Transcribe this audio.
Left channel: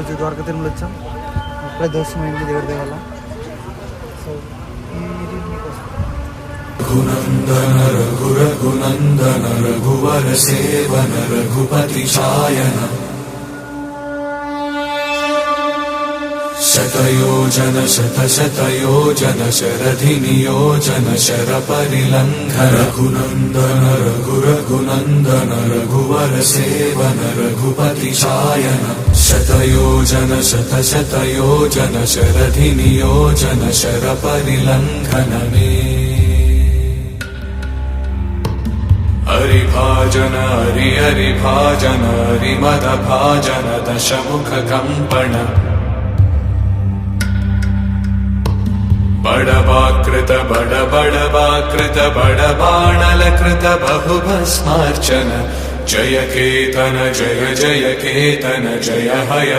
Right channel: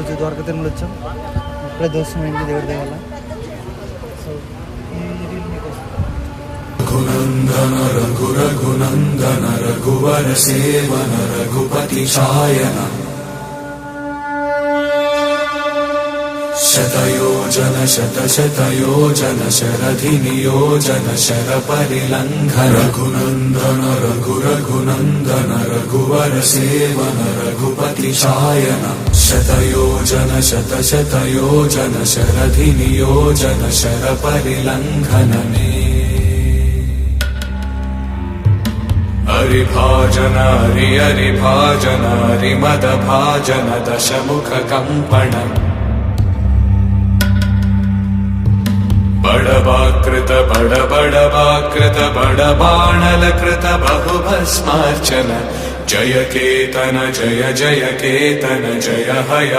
ఈరోజు ద్వారకా తిరుమల వచ్చాం. ఇప్పుడే దర్శనం అయింది దేవుడి దయ వల్ల. సో ఇది మీకోసం. రఘునందన రఘురఘునందన రఘువర సేవన రఘుపతి ఛాయన శతయోజన శతశతయోజన శరధి నియోజన శర పరిలంఘన రఘునందన రఘురఘునందన రఘువర సేవన రఘుపతి ఛాయన శతయోజన శతశతయోజన శరధి నియోజన శర పరిలంఘననే హరిభాజన హరిభాజన హరిమద భాజన దశముఖ కంపణ బడవాకృత బడబడవాకృత బడబాణలకృత బహుభస్మార్చన జయ కేతన జయ జయ కేతన జయ హయ